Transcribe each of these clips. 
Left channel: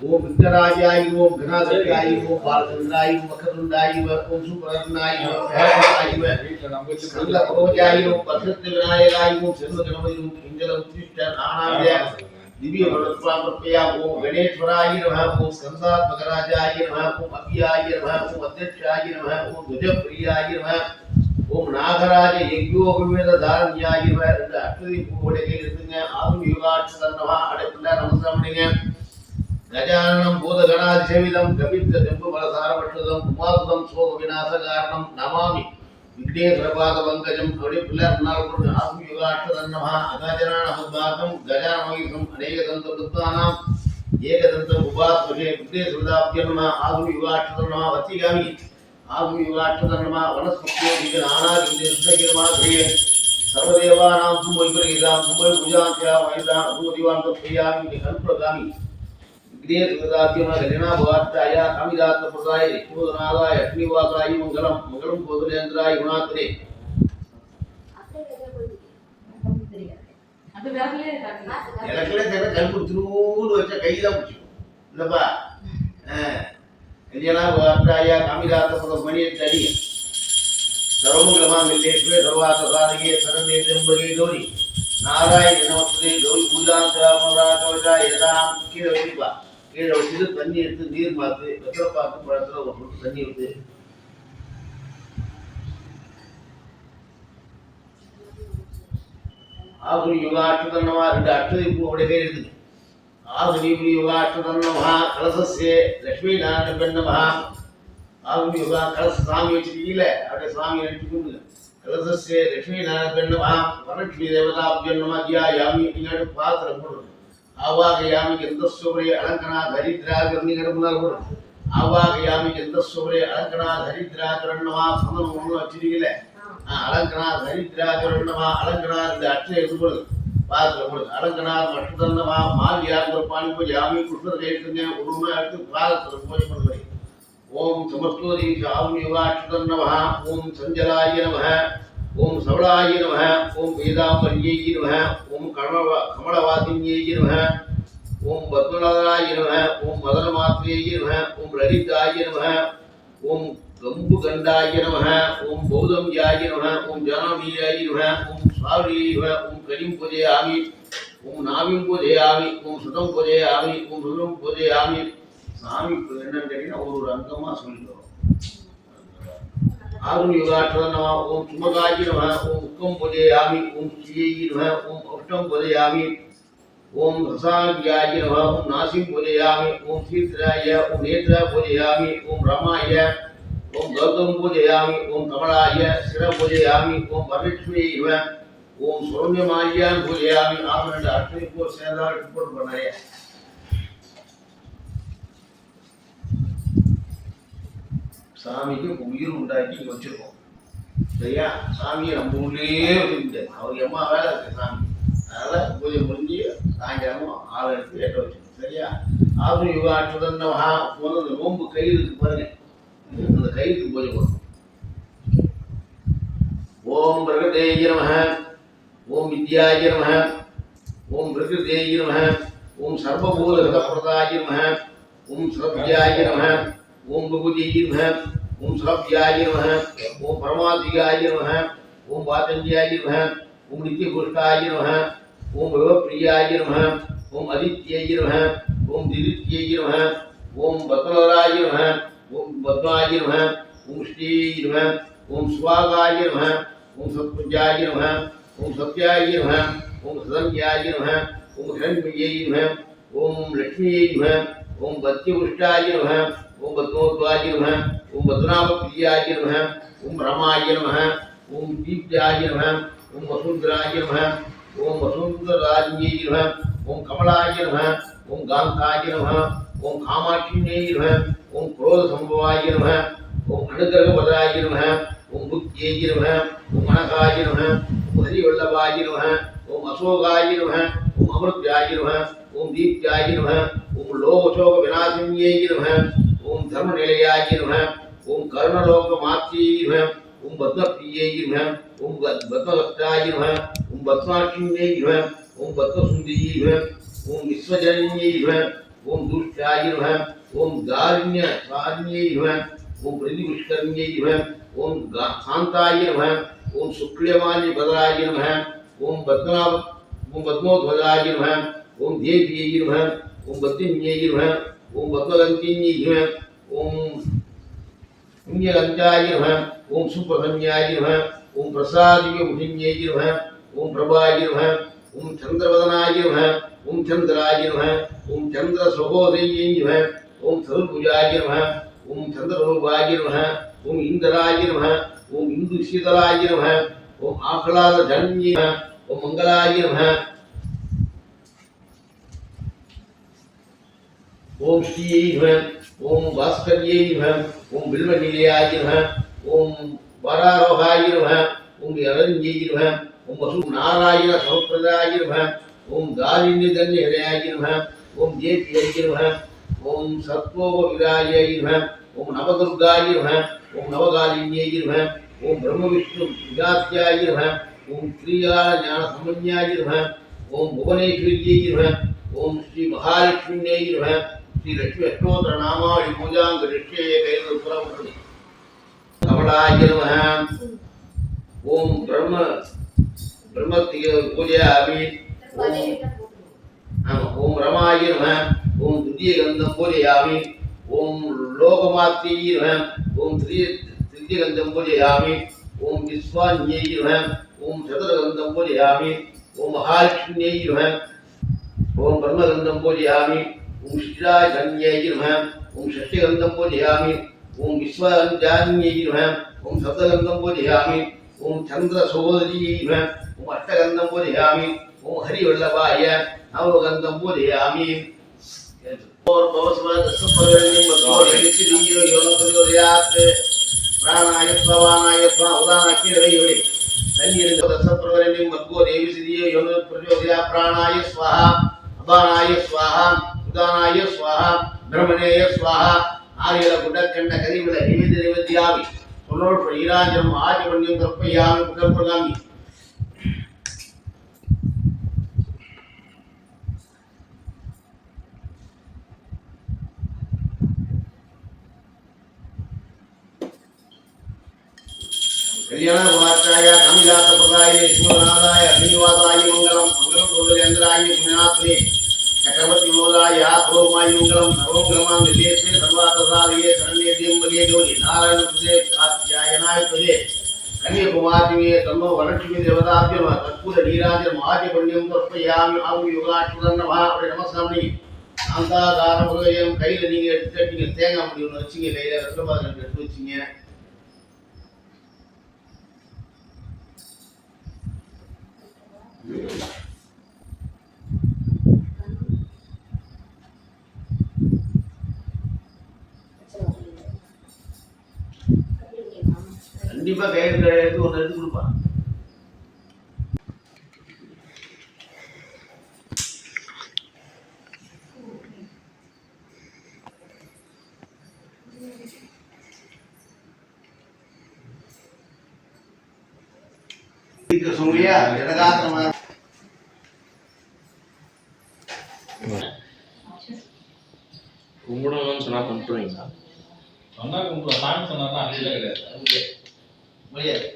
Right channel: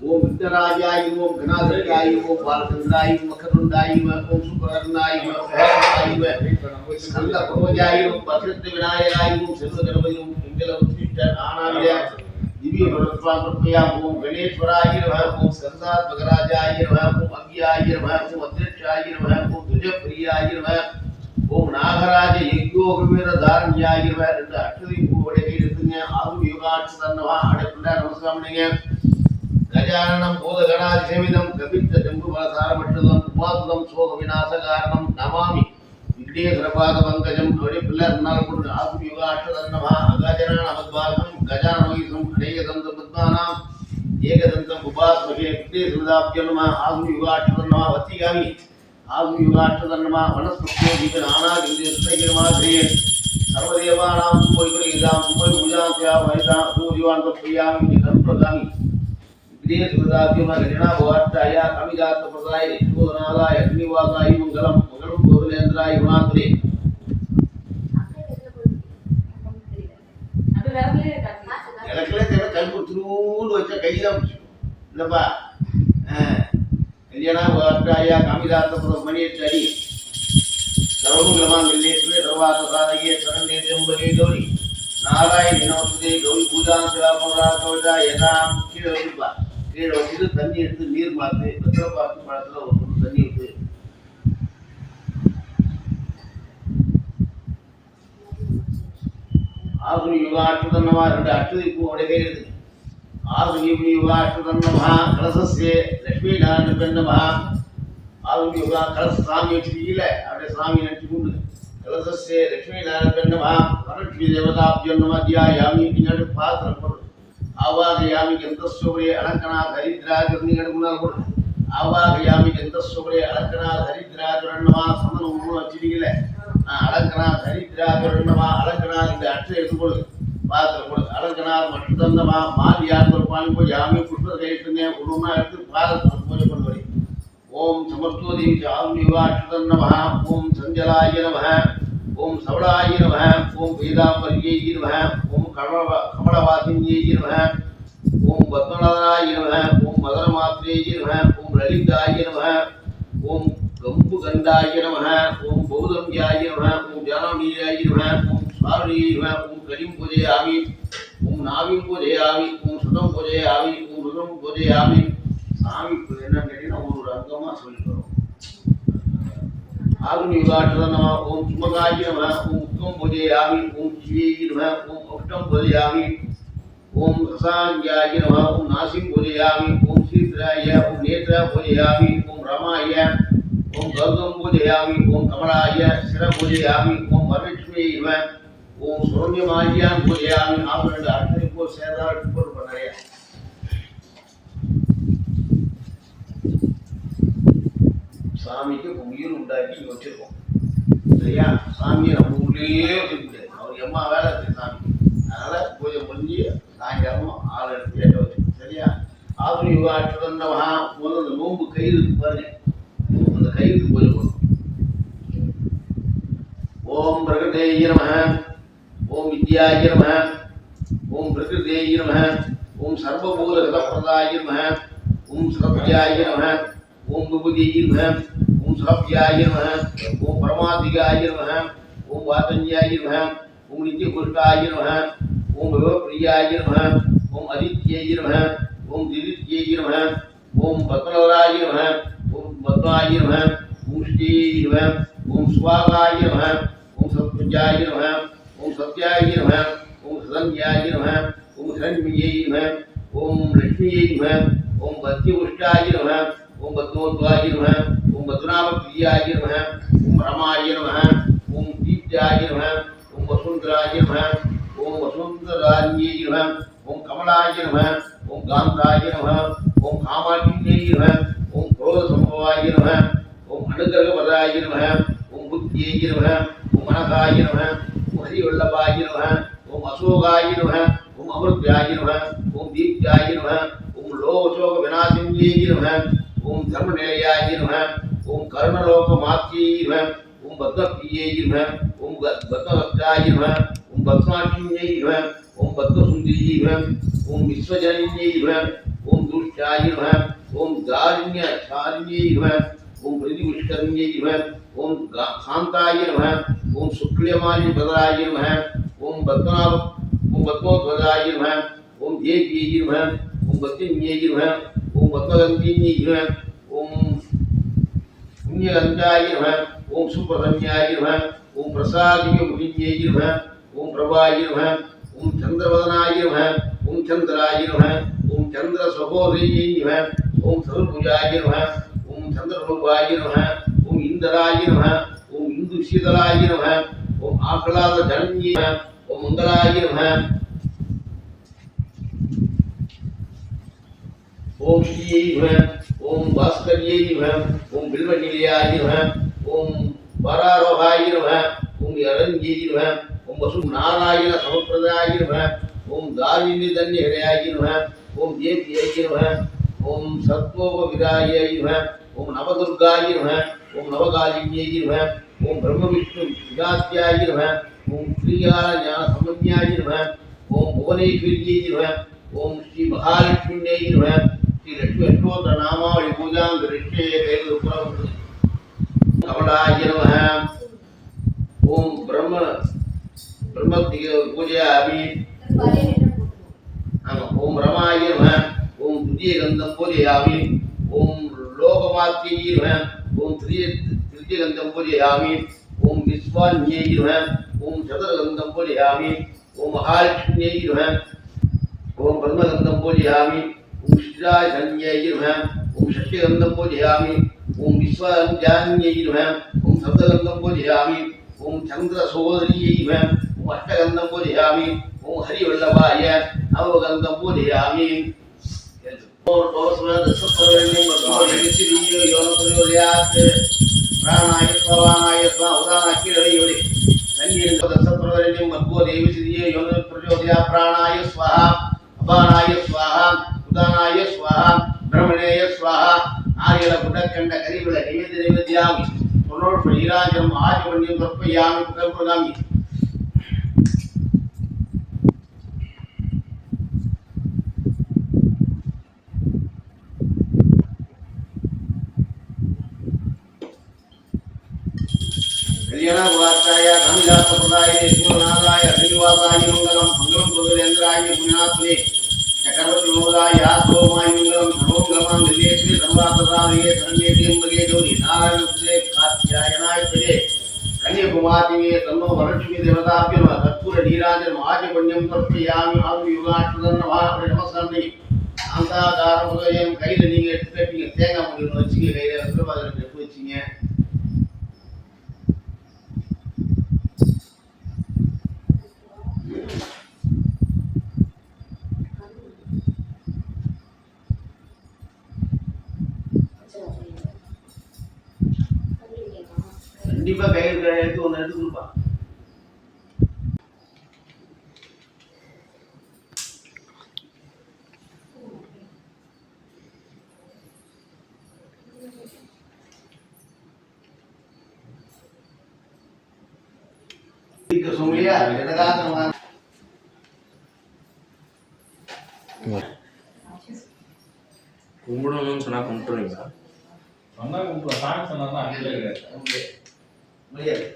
ओम विघ्नराजाय ओम गणाधिपाय ओम बालचंद्राय ओम मकरंदाय ओम सुब्रह्मण्याय ओम स्कंदपुरोजाय ओम प्रसिद्ध विनायकाय ओम सर्व गणपति ओम पिंगल उत्तिष्ठ आनंदय दिव्य भगवत्पादप्रभया ओम गणेश्वराय नमः ओम स्कंदात्मकराजाय नमः ओम अव्याय नमः ओम अध्यक्षाय नमः ओम ध्वजप्रियाय नमः ओम नागराज यज्ञोपमेத தாரண்யாய नमः இந்த அஷ்டதி பூவோட கையில் எடுத்துங்க ஆகும் யோகாட்சதன்னவா அடைப்புள்ள நமஸ்காரம்ங்க गजाननं भूतगणाधिसेवितं कपित्तजम्बुफलसारभक्षितं उमासुतं शोकविनाशकारणं नमामि विघ्नेश्वरपादपङ्कजं पिल्लर्नाल्कुड आत्मयुगाष्टदन्नमः अगजाननमद्भागं गजाननमहितं अनेकदन्तपद्मानाम् एकदन्तं उपास्महे विघ्नेश्वरदाभ्यन्नमः आत्मयुगाष्टदन्नमः वत्तिगामि आत्मयुगाष्टदन्नमः वनस्पत्यो दीपनानागिरिमाग्रिये सर्वदेवानां सुमोइपरिहितां सुमोइपूजां महितां सूर्यवान् तत्प्रियामि निकल्पगामि विघ्नेश्वरदाभ्यन्नमः गजनाभवाट्टाय कामिदात्तप्रदाय ऋषिबोधनादाय अग्निवासाय मङ्गलं मङ्गलं भोजलेन्द्राय गुणात्रे எனக்குல தெரியல கல் குத்துனூடு வச்ச கைதான் பிடிச்சிக்கும் இல்லப்பா கல்யாணாய காமிதாத்த மணி அடி சர்வமங்கலமாங்கல்யேஸ்வரே சர்வார்த்த சாதகே சரண்யே திரம்பகே கௌரி நாராயண நமஸ்தே கௌரி பூஜா கவச்சா எதாம் கீழே வைப்பா கீழே வச்சுட்டு தண்ணி எடுத்து நீர் மாற்று வெத்தலை பார்த்து பழத்தில் ஒரு பொண்ணு தண்ணி ஊற்று ஆகுனி யுகாட்சதன்னமா ரெண்டு அஷ்டதி பூவோட பேர் இருக்குது ஆகுனி யுகாட்சதன்னமா கலசஸ்ய லட்சுமி நாராயண பெண்ணமா ஆகுனி யுகா கலச சாமி வச்சிருக்கீங்கள அப்படியே சாமி நினைச்சு கூப்பிடுங்க கலசஸ்ய லட்சுமி நாராயண பெண்ணமா பரலட்சுமி தேவதாபியன்னமா தியாயாமி நீங்கள் பாத்திரம் போடுறது ஆவாகயாமி கந்தஸ்வரே அலங்கனா தரித்ரா கர்ணிகட முன்னால் போடுறது ஆவாகயாமி கந்தஸ்வரே அலங்கனா தரித்ரா கரணமா சந்தனம் ஒன்று வச்சிருக்கீங்கள அலங்கனா தரித்ராகரணமா அலங்கனா இந்த அற்றை எடுத்துக்கொள்ளுது பாத்திரம் கொடுது அலங்கனா மற்றந்தமா மாலியார் பானி பூஜை ஆமி புஷ்பத்தை கைட்டுங்க ஒன்றுமா எடுத்து பாதத்தில் பூஜை பண்ணுபடி ஓம் சமஸ்தோதி ஆம் யுகாட்சதன்னம ஓம் சஞ்சலாய நம ஓம் சவளாய நம ஓம் வேதாம்பரியை நம ஓம் கமலவாசின்யை நம ஓம் பத்மநாதராய நம ஓம் மதனமாத்ரேய நம ஓம் லலிதாய நம ஓம் गंबु गंडाय नमः ओम बौद्धम याय नमः ओम जानवीयाय नमः ओम स्वारिये नमः ओम कलिम पूजयामि ओम नाविं पूजयामि ओम सुदम पूजयामि ओम रुद्रम पूजयामि சாமி என்னன்னு கேட்டீங்கன்னா ஒரு அங்கமா சொல்லிக்கிறோம் ஆகுனி யுகாட்சத நம ஓம் சுமகாய நம ஓம் உக்கம் பூஜயாமி ஓம் சியை நம ஓம் அஷ்டம் பூஜயாமி ஓம் ரசாங்கியாய நம ஓம் நாசிம் பூஜயாமி ஓம் சீத்ராய ஓம் நேத்ரா பூஜயாமி ஓம் ரமாய ओम गौतम पूजयामि ओम कमलाय शिर पूजयामि ओम वरलक्ष्मी ओम सौम्यमाल्यां पूजयामि आप ரெண்டு அர்த்தம் இப்போ சேதார் இப்போ பண்ணறே சாமிக்கு உயிர் உண்டாக்கி வச்சிருக்கோம் சரியா சாமியை நம்ம உள்ளே வச்சிருக்கோம் அவர் எம்மா வேலை இருக்கு சாமி அதனால பூஜை முடிஞ்சு சாயங்காலம் ஆள் எடுத்து ஏற்ற வச்சிருக்கோம் சரியா ஆகுனி யுகாட்சதன்னமஹ முதல்ல நோம்பு கயிறு இருக்கு பாருங்க அந்த கைக்கு பூஜை பண்ணணும் ஓம் பிரகதேய நமஹ ஓம் வித்யாய நமஹ ஓம் பிரகதேய நமஹ ஓம் சர்வபூத ஹிதப்ரதாய நமஹ ஓம் ஸ்ரவ்யாய நமஹ ஓம் விபுதிய நமஹ ஓம் ஸ்ரவ்யாய நமஹ ஓம் பரமாதிகாய நமஹ ஓம் வாசஞ்சாய நமஹ ஓம் நித்யபுருஷாய நமஹ ஓம் விவப்ரியாய நமஹ ஓம் அதித்யாய நமஹ ஓம் திதித்யாய நமஹ ஓம் பத்மநாராய நமஹ ओम भद्राय नमः ओम श्री नमः ओम स्वागाय नमः ओम सत्पुंजाय नमः ओम सत्याय नमः ओम सदन्याय नमः ओम हिरण्मये नमः ओम लक्ष्मीये नमः ओम वत्युष्टाय नमः ओम पद्मोद्वाय नमः ओम भद्रामप्रियाय नमः ओम रमाय नमः ओम दीप्ताय नमः ओम वसुंधराय नमः ओम वसुंधरान्ये नमः ओम कमलाय नमः ओम गान्धाय नमः ओम कामाक्षिण्ये नमः ओम क्रोध संभवाय नमः ओम अनुग्रहपदाय नमः ओम बुद्धिये नमः ओम अनघाय नमः ओम हरिवल्लभाय नमः ओम अशोकाय नमः ओम अमृत्याय नमः ओम दीप्त्याय नमः ओम लोकशोक विनाशिन्ये नमः ओम धर्मनिलयाय नमः ओम कर्णलोकमात्ये नमः ओम भद्रप्रिये नमः ओम भद्रहस्ताय नमः ओम भद्राक्षिण्ये नमः ओम भद्रसुन्दर्ये नमः ओम विश्वजनन्ये नमः ओम दुष्टाय नमः ओम दारिण्य सारिण्यै नमः ओम प्रतिपुष्करण्यै नमः ओम शांताय नमः ओम शुक्लमाल्य भद्राय नमः ओम पद्मोध्वजाय नमः ओम देव्यै नमः ओम बद्रिण्यै नमः ओम पद्मगन्धिन्यै नमः ओम पुण्यगन्धाय नमः ओम सुप्रसन्याय नमः ओम प्रसादिकमुनिन्यै नमः ओम प्रभाय नमः ओम चंद्रवदनाय नमः ओम चंद्राय नमः ओम चंद्र सहोदर्यै नमः ओम सर्वभुजाय नमः ओम चंद्ररूपाय नमः ओम इंद्राय नमः ओम इंदुशीतलाय नमः ओम आह्लादजन्ये नमः ओम मंगलाय नमः ओम श्री नमः ओम भास्कर्यै नमः ओम बिल्वनिलयाय नमः ओम वरारोहाय नमः ओम यरण्यै नमः ओम वसु नारायण समुप्रदाय नमः ओम दारिण्यधन्यहृदयाय नमः ओम जेत्यै नमः ओम सत्वोपविराय नमः ओम नवदुर्गाय नमः ओम नवकालिन्यै नमः ओम ब्रह्मविष्णु विजात्याय नमः ओम श्रीयाल ज्ञान समन्याय नमः ओम भुवनेश्वर्यै नमः ओम श्री महालक्ष्म्यै नमः श्री लक्ष्मी अष्टोत्तर नामावली पूजां करिष्ये कैलपुरं कमलाय नमः ओम ब्रह्म पूजयामि ओम रमाय नमः ओम द्वितीयगन्धं पूजयामि ओम लोकमात्यै नमः ओम तृतीयगन्धं पूजयामि ओम विश्वान्यै नमः ओम चतुर्गन्धं पूजयामि ओम महालक्ष्म्यै नमः ओम ब्रह्मगन्धं पूजयामि ओम श्रीराजन्यै नमः ओम षष्ठगन्धं पूजयामि ओम विश्वान्यान्यै नमः ओम सप्तगन्धं पूजयामि ओम चन्द्रसहोदर्यै नमः ओम अष्टगन्धं पूजयामि ओम हरिवल्लभाय नवगन्धं पूजयामि और भवस्वदसपर्वण्यं मत्वोर्यमिच्छिदियो योनप्रयोदयात् प्राणाय स्वावानाय स्वा उदानक्किरवयोडि सन्निर्गतसपर्वण्यं मत्वोर्यमिच्छिदियो योनप्रयोदयात् प्राणाय स्वाहा अपानाय स्वाहा उदानाय स्वाहा ब्रह्मणेय स्वाहा आर्यල गुडकण्ड करिविल निवेद्यामि सोनोर श्रीराजम आजमन्यं तर्पयामि पुकल्पगामि कल्याण गुणाचार्य कामिदास प्रदाय ईश्वरनाथाय श्रीनिवासाय मंगलम मंगलम गोविंद्राय पुण्यात्मने चक्रवर्ती विनोदाय आत्मोमाय मंगलम सर्वमंगलम दिलेश्वरी सर्वार्थसाधये शरण्ये त्र्यंबके गौरी नारायण सुदे कात्यायनाय प्रजे कन्याकुमारी तन्नो वरलक्ष्मी देवताभ्यो नमः कर्पूर नीराजनम आचमन्यं तर्पयामि आगु योगाष्टोदं नमः அப்படி நமஸ்காரம் சாந்தாகார முருகையம் கையில நீங்க எடுத்துட்டீங்க தேங்காய் முடி ஒன்று வச்சுங்க கையில வெப்பபாதம் எடுத்து வச்சுங்க கண்டிப்பா கையில் எடுத்து ஒன்று எடுத்து கொடுப்பா சொல்லியா இடகாத்திரமா கும்பிடணும்னு சொன்னா கும்பிட்டுருவீங்களா? சொன்னா கும்பிடுவோம், சாமி சொன்னா அங்கே கிடையாது, முடியாது.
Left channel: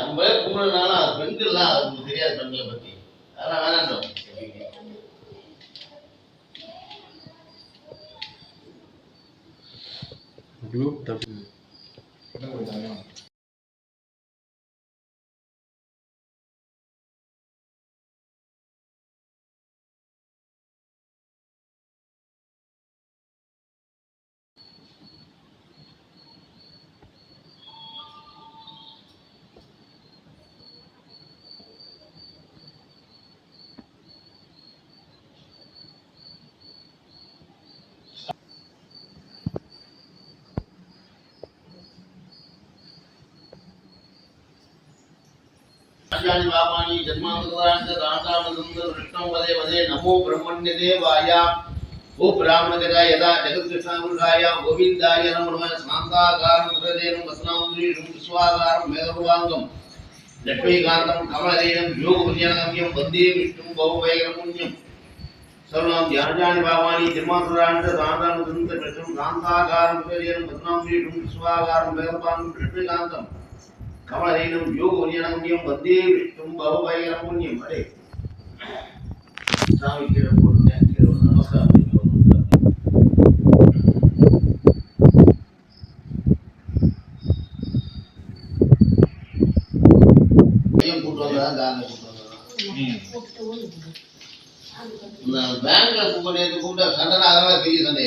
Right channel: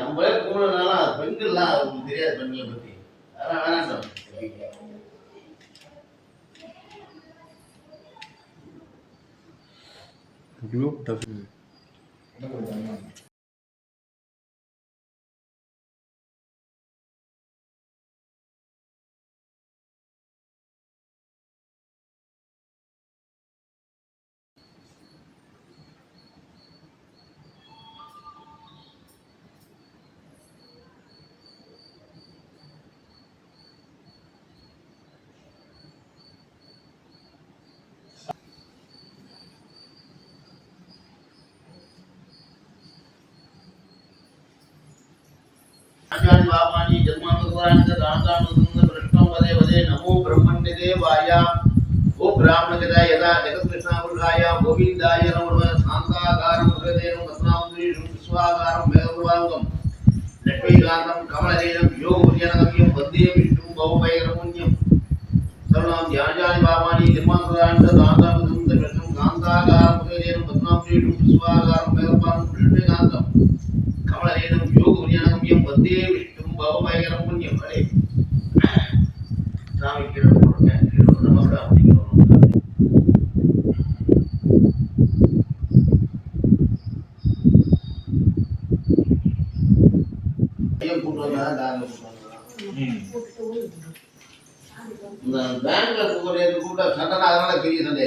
நம்மளே கும்பிடுறதுனால பெண்கள்லாம் அவங்களுக்கு தெரியாது, பெண்களை பத்தி அதெல்லாம் வேணாம். आचार्य बाबानी जन्मानुदान से रामदामनंद कृष्णं वदे वदे नमो ब्रह्मण्यदेवाय ओ ब्राह्मणगदाय यदा जगत्कृष्णावृहाय गोविन्दाय नमः शान्ताकारं हृदयेन वसनान्द्रीषं विश्वाकारं मेघवाङ्गं லக்ஷ்மீகாந்தம் கமலதேனம் யோகபுஜனகம்யம் வந்தே விஷ்ணும் பவபயகரமுன்யம் சர்வநாம் தியானஜானி பாவானி திருமாந்திராண்ட தாந்தாமதுந்த பெற்றும் காந்தாகாரம் பகதேனம் பத்மாம் வீடும் விஸ்வாகாரம் வேதப்பான் லக்ஷ்மீகாந்தம் கமலதேனம் யோகபுஜனகம்யம் வந்தே விஷ்ணும் பவபயகரமுன்யம் அடே சாமி கீழே போடுங்க கீழே நமஸ்காரம் பண்ணிக்கிறோம் பேங்க்ல கூப்பிட்ட சண்டை அதனால பெரிய சண்டை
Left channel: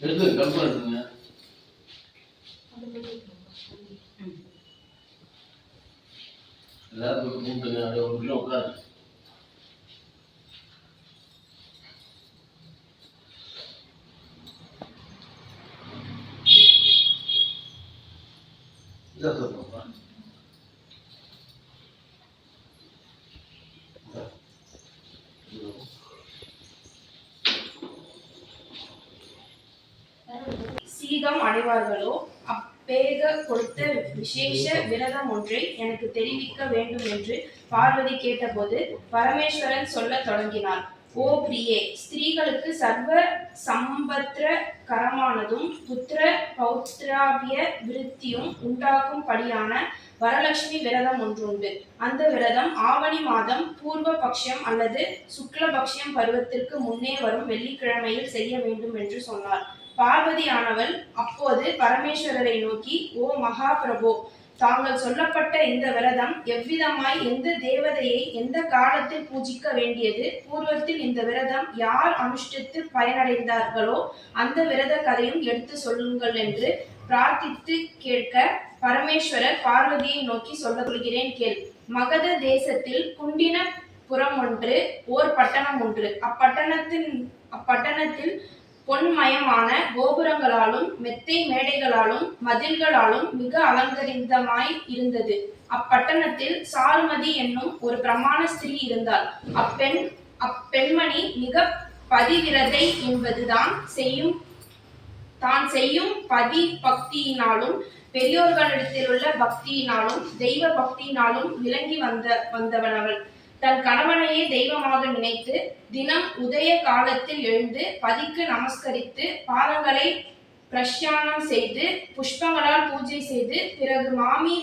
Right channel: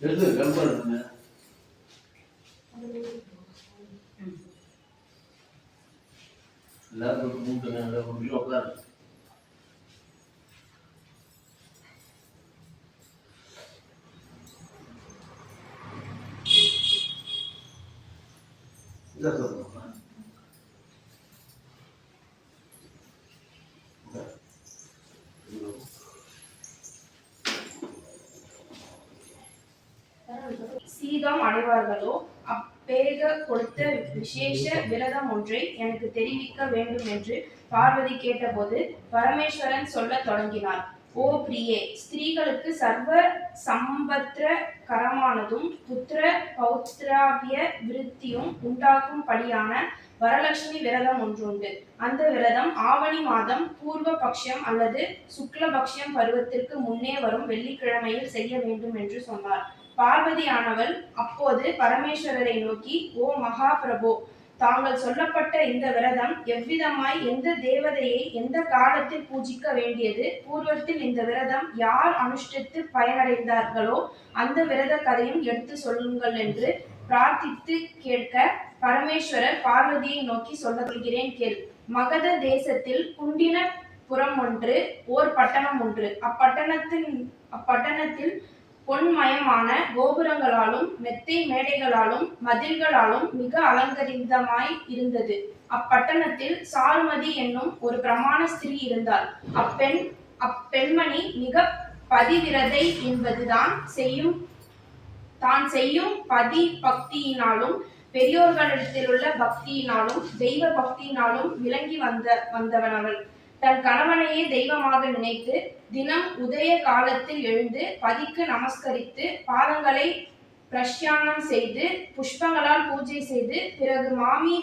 எடுத்து கல்பனை எடுத்துங்க எல்லாருக்கும் மூட்டுங்க அப்படியே ஒரு நிமிஷம் உட்காரு இதை சொல்லுங்க சீதம் அடைவார்களோ அப்பேக கொடுத்த விசேஷ விரதம் ஒன்றை எனக்கு தெரிவிக்க வேண்டும் என்று பார்வதி கேட்டபோது பரமேஸ்வரன் சொல்லத் தொடங்கினார். ஓ பிரியே, ஸ்திரீகளுக்கு சர்வ சம்பத்ர கரமானதும் புத்திர பௌத்ராபிய விருத்தியும் உண்டாக்கும் படியான வரலட்சுமி விரதம் ஒன்றுண்டு. அந்த விரதம் ஆவணி மாதம் பூர்வ பட்சம் அல்லது சுக்லபக்ஷம் பருவத்திற்கு முன்னே வரும் வெள்ளிக்கிழமையில் செய்ய வேண்டும் என்று சொன்னார். பார்வதியானவள் அப்போது பரமேஸ்வரரை நோக்கி, ஓ மகாபிரபோ, தாங்கள் சொல்லப்பட்ட இந்த விரதம் எவ்விதமாய் எந்த தேவதையை எந்த காலத்தில் பூஜிக்க வேண்டியது, பூர்வத்தில் இந்த விரதம் யார் அனுஷ்டித்து பயனடைந்தார்களோ அந்த விரத கதையும் எடுத்து சொல்லுங்கள் என்று பிரார்த்தித்து கேட்க பரமேஸ்வரர் பார்வதியை நோக்கி சொல்கிறேன் கேள். மகத தேசத்தில் குண்டின புறம் ஒன்று, ஓர் பட்டணம் ஒன்று. அப்பட்டணத்தில் பொன்மயமான கோபுரங்களாலும் மெத்தை மேடைகளாலும் மதில்களாலும் மிக அலங்கரித்தமாய் இருந்தது. அப்பட்டணத்தில் சாருமதி என்னும் ஒரு பிரமாண ஸ்திரீ இருந்தாள். அப்பெண்மணி மிக பதிவிரதை என்பது தான் செய்யும் பதி பக்தியினாலும் பெரியோர்களிடத்திலுள்ள பக்தியினாலும் தெய்வ பக்தியினாலும் விளங்கி வந்தவனவள். தன் கணவனையே தெய்வமாக நினைத்து தினம் உதய காலத்தில் எழுந்து பதிக்கு நமஸ்கரித்து பாதங்களை பிரஷ்யானம் செய்து புஷ்பங்களால் பூஜை செய்து பிறகு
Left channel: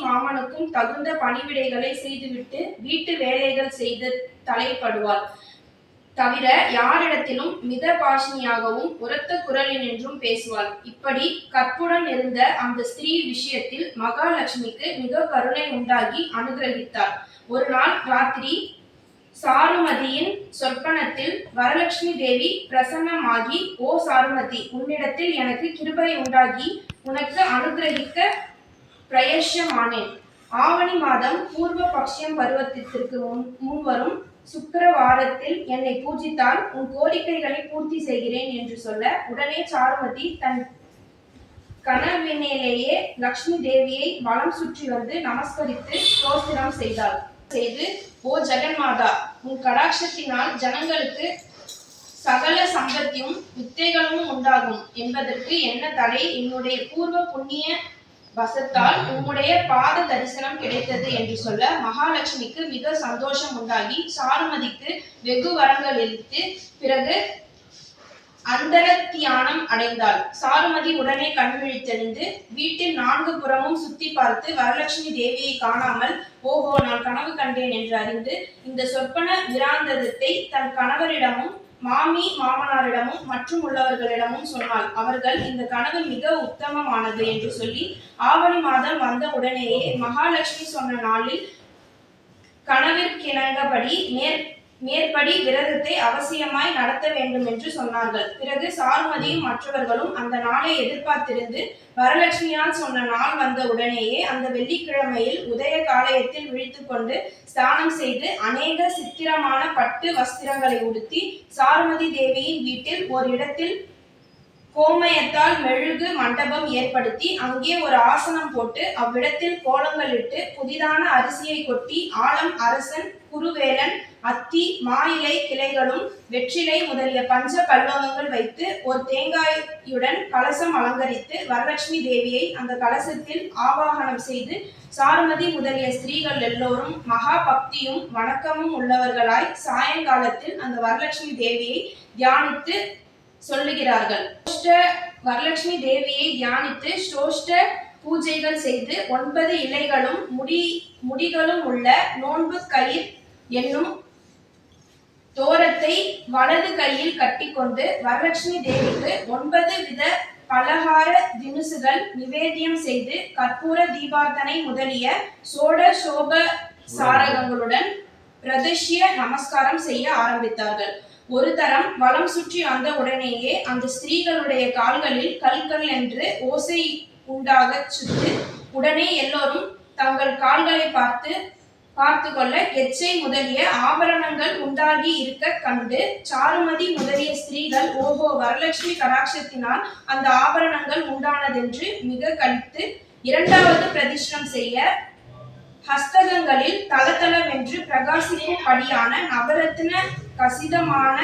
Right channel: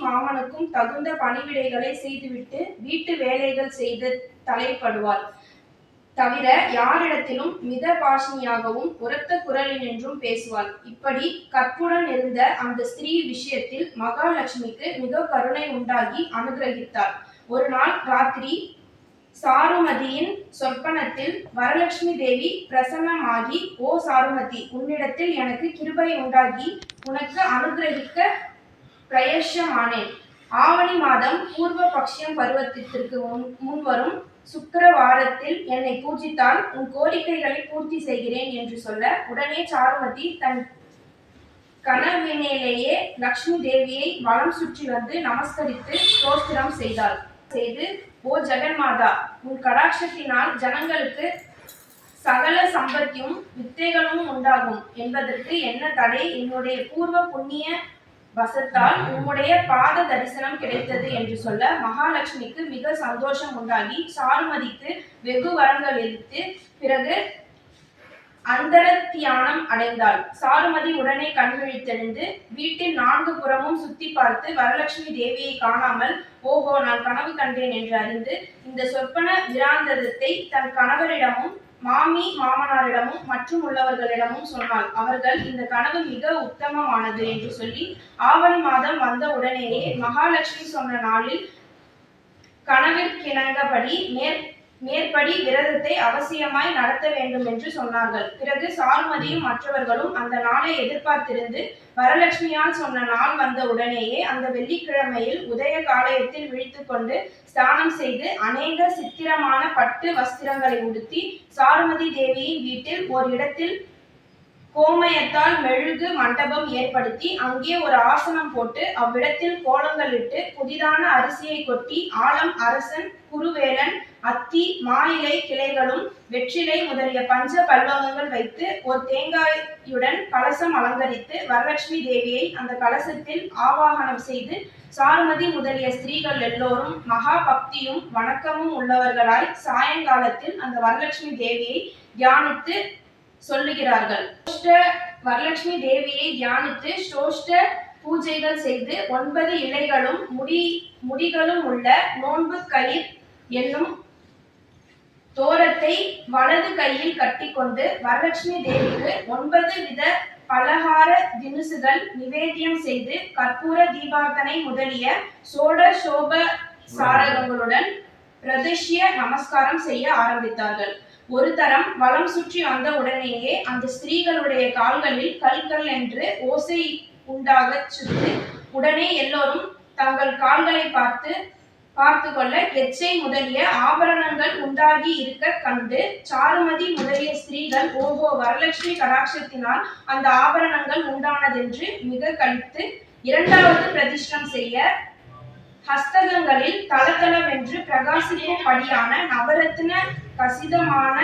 மாமனுக்கும் தகுந்த பணிவிடைகளை செய்துவிட்டு வீட்டு வேலைகள் செய்து தலைப்படுவாள். தவிர யாரிடத்திலும் மிதபாஷினியாகவும் உரத்த குரலினின்றும் பேசுவாள். இப்படி கற்புடன் இருந்த அந்த ஸ்திரீ விஷயத்தில் மகாலட்சுமிக்கு மிக கருணை உண்டாகி அனுகிரகித்தாள். ஒரு நாள் ராத்திரி சாருமதியின் சொற்பனத்தில் வரலட்சுமி தேவி பிரசன்னமாகி, ஓ சாருமதி, உன்னிடத்தில் எனக்கு கிருபை உண்டாகி உனக்கு அனுகிரகிக்க பிரயசமானேன். ஆவணி மாதம் பூர்வ பக்ஷம் பருவத்திற்கு முன்வரும் சுக்கிரவாரத்தில் என்னை பூஜித்தால் உன் கோரிக்கைகளை பூர்த்தி செய்கிறேன் என்று சொல்ல, உடனே சாருமதி தன் கனவினிலேயே லக்ஷ்மி தேவியை வலம் சுற்றி வந்து நமஸ்கரித்து ஸ்தோத்திரம் செய்து, ஓ ஜெகன்மாதா, உன் கடாட்சத்தினால் ஜனங்களுக்கு சகல சம்பத்தியும் வித்தைகளும் உண்டாகும் என்பதற்கு என்ன தடை? என்னுடைய பூர்வ புண்ணிய வசத்தால் உம்முடைய பாத தரிசனம் கிடைத்தது என்று சொல்ல மகாலட்சுமிக்கு மிக சந்தோஷம் உண்டாகி சாருமதிக்கு வெகு வரங்களளித்து பிறகு அந்தரத்தியானம் அடைந்தாள். சாருமதி உடனே கண்விழித்தெழுந்து வீட்டில் 4 புறமும் சுத்தி பார்த்து வரலட்சுமி தேவியை காணாமல், ஓஹோ, நான் கனவு கண்டேன் என்று அறிந்து இந்த சொப்பன விராந்தத்தை தன் கணவரிடமும் மாமனாரிடமும் மற்றும் உள்ளவர்களிடமும் சொன்னாள். அவர்கள் இந்த கனவு மிக உத்தமமானது என்று சொல்லி ஆவணி மாதம் வந்த உடனேயே மகாலட்சுமி சொன்ன நாளில் கனவிற்கிணங்கபடி மேற்படி விரதத்தை அவசியமாய் நடத்த வேண்டும் என்று சொன்னார்கள். பிறகு சாருமதியும் மற்றவர்களும் அந்த நாளை எதிர்பார்த்திருந்து வரலட்சுமியால் சொன்ன நாள் வந்த உடனேயே அந்த வெள்ளிக்கிழமையில் உதய காலயத்தில் விழித்து கொண்டு ஸ்நானம் செய்து அநேக சித்திரமான பட்டு வஸ்திரங்களை உடுத்தி சாருமதி தேவியின் வீட்டில் ஒரு இடத்தில் கோமயத்தால் மெழுகு மண்டபம் ஏற்படுத்தி அங்கே ஒரு ஆசனம் போட்டு அவ்விடத்தில் கோலங்களிட்டு புதிதான அரிசியை கொட்டி ஆலம் அரசன் குருவேலன் அத்தி மாயிலை கிளைகளும் வெற்றிலை முதலிய பஞ்ச பல்லவங்கள் வைத்து ஒரு தேங்காயுடன் கலசம் அலங்கரித்து வரலட்சுமி தேவியை அந்த கலசத்தில் ஆவாகனம் செய்து சாருமதி முதலிய ஸ்திரீகள் எல்லோரும் மகா பக்தியும் வணக்கமும் உள்ளவர்களாய் சாயங்காலத்தில் அந்த வரலட்சுமி தேவியை தியானித்து சொல்லுகிறார்கள். வரலட்சுமி தேவியை தியானித்து ஸ்டோஷ்ட பூஜைகள் செய்து 9 இலைகளும் முடிகளும் உள்ள நோன்பு கயிர் என்னும் தோரத்தை வலது கையில் கட்டிக்கொண்டு வரலட்சுமி தேவிக்கு 9 வித பலகார தினுசுகள் நிவேத்தியம் செய்து கற்பூர தீபார்த்தனை முதலிய சோடசோப சாரகங்களுடன் பிரதஷ்ய நமஸ்காரம் செய்ய ஆரம்பித்தார்கள். ஒரு தரம் வலம் சுற்றி வந்த உடனேயே அந்த ஸ்திரீகளுடைய கால்களில் கல் என்று ஓசை உண்டாகச் சுட்டு உடனே எல்லோரும் தங்கள் கால்களை பார்த்து கொள்ள கெச்சை முதலிய ஆபரணங்கள் உண்டாகி இருக்க கண்டு சாருமதி முதலிய ஸ்திரீகள், ஓஹோ, வரலட்சுமி கடாட்சத்தினால் அந்த ஆபரணங்கள் உண்டானதென்று மிக கழித்து 2வது பிரதிஷ்டம் செய்ய ஹஸ்தகங்களில் தளதளவென்று பிரகாசிக்கும் படியான நவரத்ன கசிதமான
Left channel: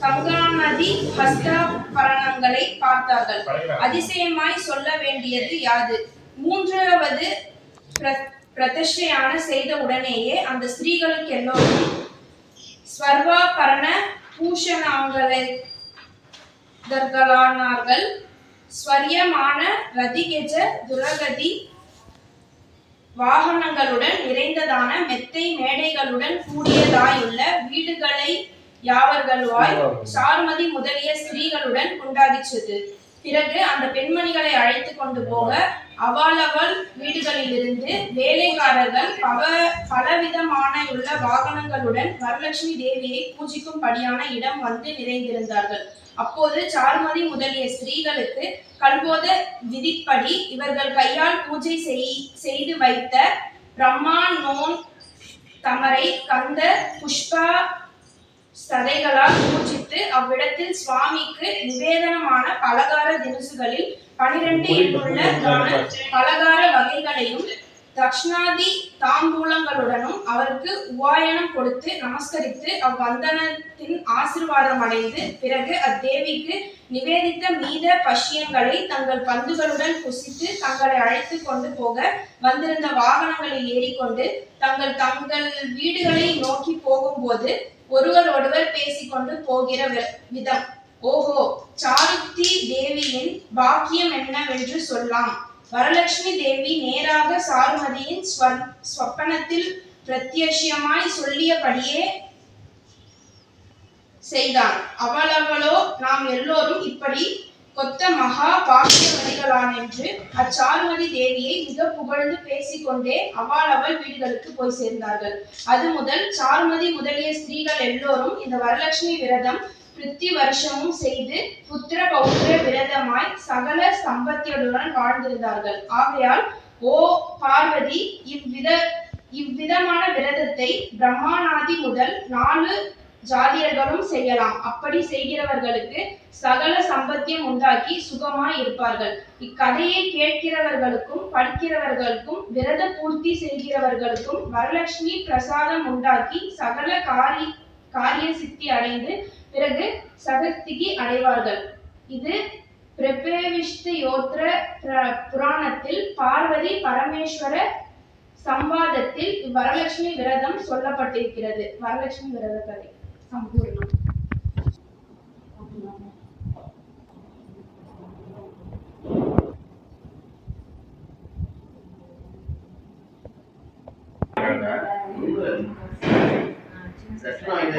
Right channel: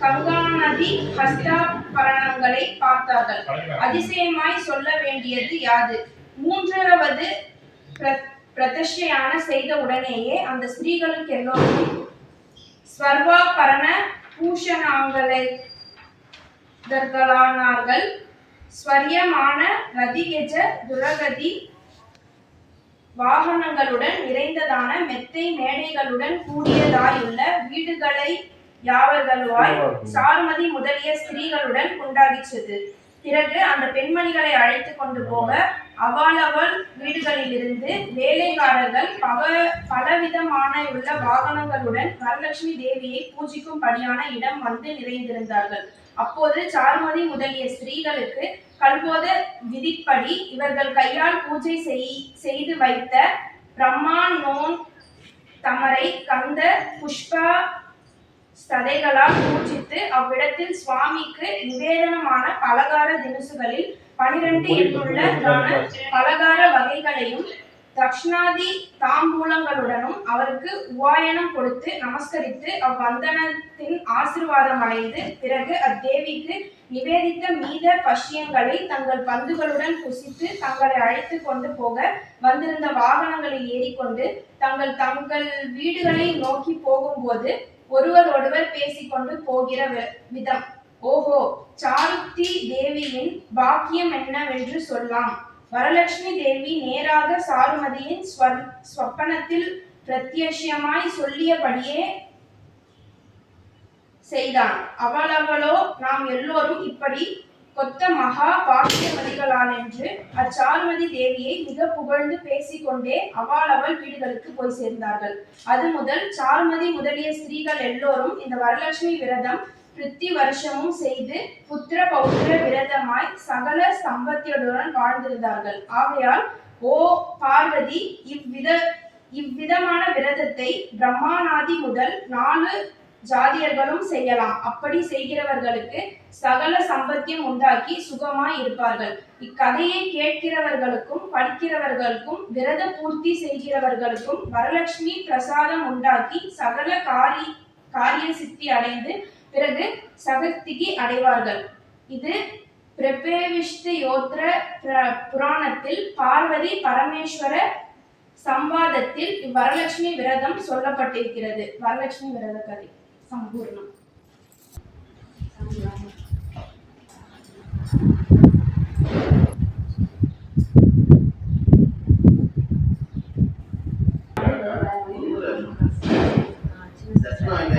கங்காநதி ஹஸ்தாபரணங்களை பார்த்தார்கள். அதிசயமாய் சொல்ல வேண்டியது யாது? 3வது பிரதிஷ்டையான செய்த உடனேயே அந்த ஸ்திரீகளுக்கு எல்லோரும் ஸ்வர்வாபரண பூஷணாங்களானார்கள். ஸ்வரியமான ரதிகெஜ துரகதி வாகனங்களுடன் நிறைந்ததான மெத்தை மேடைகளுடன் கூடியதாயுள்ள வீடுகளை யாவர்களுவாய் சாருமதி முதலிய ஸ்திரீகளுடன் கொண்டாடிச்சது. பிறகு அந்த பெண்மணிகளை அழைத்து கொண்டு போக அவள் வீடுகளிலிருந்து வேலைக்காரர்கள் பலவிதமான உள்ள வாகனங்களுடன் வரலட்சுமி தேவியை பூஜிக்கும்படியான இடம் வந்து நிறைந்திருந்தார்கள். அப்போது சாருமதி முதலிய ஸ்திரீகளுக்கு கல்போத விதிப்படி இவர்கள் கையால் பூஜை செய்து வைத்த பிரம்மா நோன் தமரை கந்த புஷ்ப சதைகளால் பூஜித்து அவ்விடத்தில் சுவாமிக்கு நிவேதனமான பலகார தினுசுகளில் 12 எண்ணுள்ள பலகார வகைகளையும் தக்ஷணாதி தாம்பூலங்களுடனும் அவருக்கு உவாயனம் கொடுத்து நமஸ்கரித்து அவ்வந்தனத்தின் ஆசீர்வாதம் அடைந்து பிறகு அத்தேவிக்கு நிவேதித்த மீத பஷ்யங்களை தங்கள் பந்துகளுடன் குசித்து தங்களை அழைத்து கொண்டு போக வந்திருந்த வாகனங்களில் ஏறிக்கொண்டு தங்கள் வீடுகளை நோக்கி போகும்போது ஒருவரோடுவர் பேசிக்கொண்டு போகிற விதம், ஓஹோ, சாருத்தி தேவியின் பாக்கியம் என்னவென்று சொல்லாம். வரலட்சுமி தேவி நேராக சாருமதியின் ஸ்வப்பனத்தில் பிரத்யட்சமாய் சொல்லியபடியே செய்தான். அவளவளோ நாம் எல்லோரும் இப்படி கொத்த மகா பாக்கியவதிகளான் என்று அச்சாருமதி தேவியை மிக புகழ்ந்து பேசிக்கொண்டே அவள் வீடுகளுக்கு போய் சேர்ந்தார்கள். அது முதல் சாருமதி முதலிய ஸ்திரீகள் எல்லோரும் இந்த வரலட்சுமி விரதம் பிருத்தி வருஷமும் செய்து புத்திர பௌத்திர விரதமாய் சகல சம்பத்தியுடன் வாழ்ந்திருந்தார்கள். ஆகையால், ஓ பார்வதி, இவ்விதமான விரதத்தை பிரம்மாநாதி முதல் 4 ஜாதியர்களும் செய்யலாம். அப்படி செய்கிறவர்களுக்கு சகல சம்பத்தியம் உண்டாக்கி சுகமாய் இருப்பார்கள். இக்கதையை கேட்கிறவர்களுக்கும் படிக்கிறவர்களுக்கும் விரத பூர்த்தி செய்கிறவர்களுக்கும் வரலட்சுமி பிரசாதம் உண்டாக்கி சகல காரிய சித்தி அடைந்து பிறகு சகத்திகி அடைவார்கள். இது பிரபேவிஷ்டு யோத்ர புராணத்தில் பார்வதி பரமேஸ்வர சம்வாதத்தில் வரலட்சுமி விரதம் சொல்லப்பட்டிருக்கிறது. வரலட்சுமி விரத கதை சம்பூர்ணம். தட்சிணாயன